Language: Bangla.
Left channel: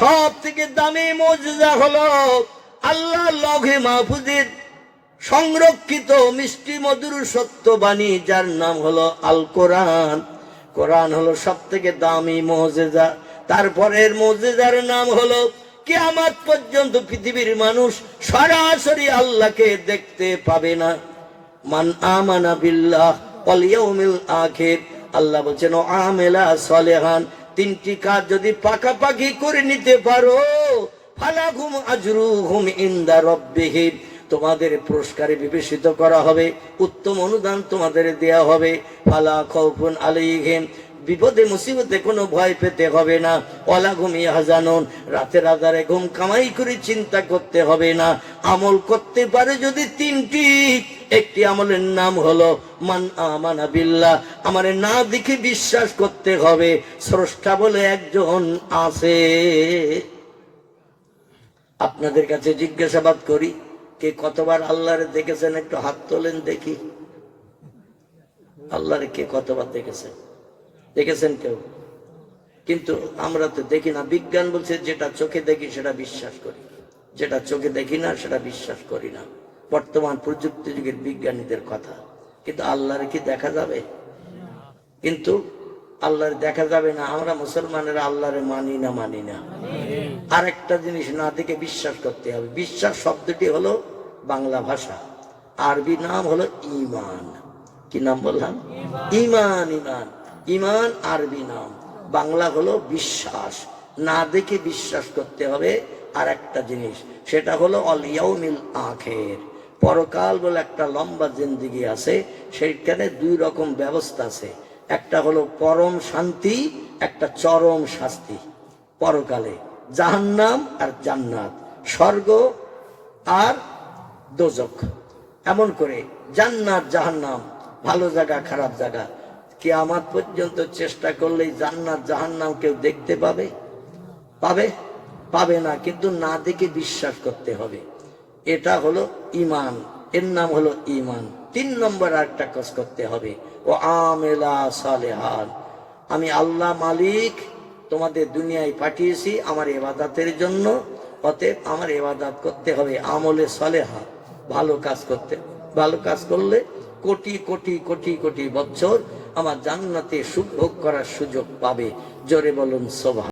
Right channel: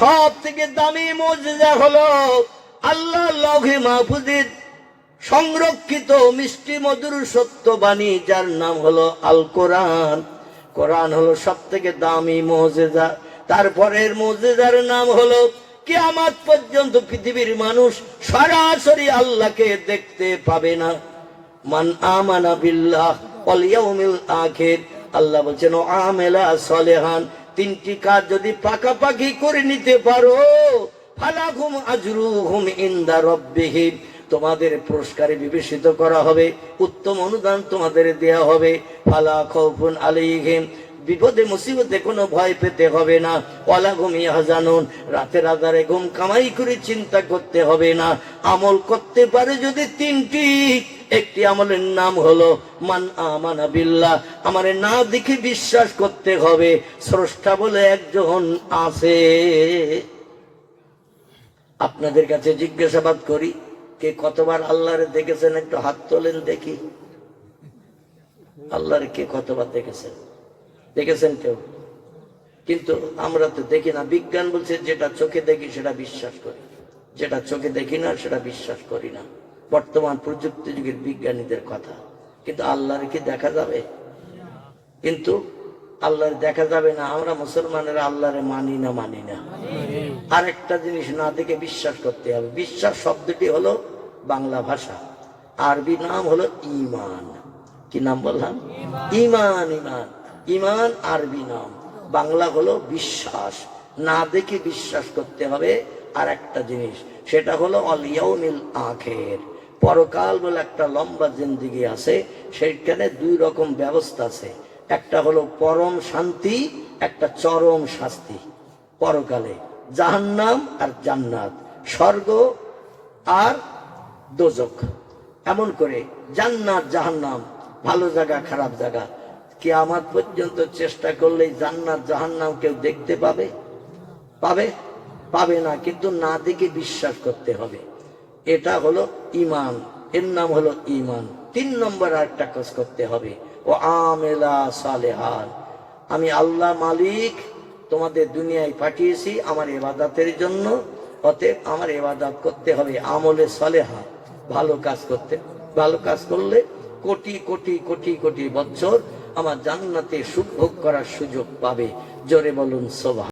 সব থেকে দামি মুজিজা হলো আল্লাহ লৌহে মাহফুজের সংরক্ষিত মিষ্টি মধুর সত্য বাণী, যার নাম হলো আল কোরআন। কোরআন হলো সব থেকে দামি মুজিজা। তারপরের মুজিজার নাম হলো কিয়ামত পর্যন্ত পৃথিবীর মানুষ সরাসরি আল্লাহকে দেখতে পাবে না। মান আমানা বিল্লাহ ওয়াল ইয়াউমিল আখির, আল্লাহ বলেন ও আমেলা সলেহান, তিনটি কাজ যদি পাকাপাকি করে নিতে পারো, ফালাকুম আজরুহুম ইনদা রাব্বিহিম, তোমাদের পুরস্কারে বিবেচিত করা হবে, উত্তম অনুদান তোমাদের দেয়া হবে। ফালা খাউফুন আলাইহিম, বিপদে মুসিবতে কোনো ভয় পেতে হবে না। ওয়ালা হুম ইয়াহজানুন, রাতের আধারে ঘুম কামাই করে চিন্তা করতে হবে না। আমল করতে পারে যদি তিনটি, একটি আমলের নাম হলো মান আমানা বিল্লাহ, আমারে না দেখে বিশ্বাস করতে হবে স্রষ্টা বলে একজন আছে। আপনাদের কাছে জিজ্ঞাসাবাদ করি, কে কতবার আল্লাহরে দেখেছেন? একটু হাত তোলেন দেখি। আল্লাহরে কে কতবার দেখেছেন? দেখেছেন কেউ? কিন্তু আমরা তো দেখি না। বিজ্ঞান বলছে যেটা চোখে দেখি সেটা বিশ্বাস করি, যেটা চোখে দেখি না সেটা বিশ্বাস করি না। বর্তমান প্রযুক্তি যুগের বিজ্ঞানীদের কথা। কিন্তু আল্লাহরে কি দেখা যাবে? কিন্তু আল্লাহর দেখা যাবে না। আমরা মুসলমানেরা আল্লাহরে মানি না। আর একটা জিনিস না দেখে বিশ্বাস করতে হবে। বিশ্বাস শব্দটি হলো বাংলা ভাষা, আরবি নাম হলো ঈমান। কি নাম বললাম? ঈমান। ঈমান ঈমান আরবি নাম, বাংলা হলো বিশ্বাস। না দেখে বিশ্বাস করতে হবে। আর একটা জিনিস, সেটা হলো আল ইয়াউমিল আখির, পরকাল বলে একটা লম্বা জিন্দেগি আছে। সেইখানে দুই রকম ব্যবস্থা আছে, একটা হলো পরম শান্তি, একটা চরম শাস্তি। পরকালে জাহান্নাম আর জান্নাত, স্বর্গ আর দোজখ। এমন করে জান্নাত জাহান্নাম, ভালো জায়গা খারাপ জায়গা। কিয়ামত পর্যন্ত চেষ্টা করলে জান্নাত জাহান্নাম কেউ দেখতে পাবে? পাবে না। কিন্তু না দেখে বিশ্বাস করতে হবে। এটা হলো ঈমান, এর নাম হলো ঈমান। 3 নম্বর আরেকটা কাজ করতে হবে, ও আমেলা সালেহান, আমি আল্লাহ মালিক তোমাদের দুনিয়ায় পাঠিয়েছি আমার ইবাদতের জন্য, অতএব আমার ইবাদত করতে হবে আমলে সালেহা, ভালো কাজ করতে। ভালো কাজ করলে কোটি কোটি কোটি কোটি বছর আমার জান্নাতে সুখ ভোগ করার সুযোগ পাবে। জোরে বলুন সুবহান।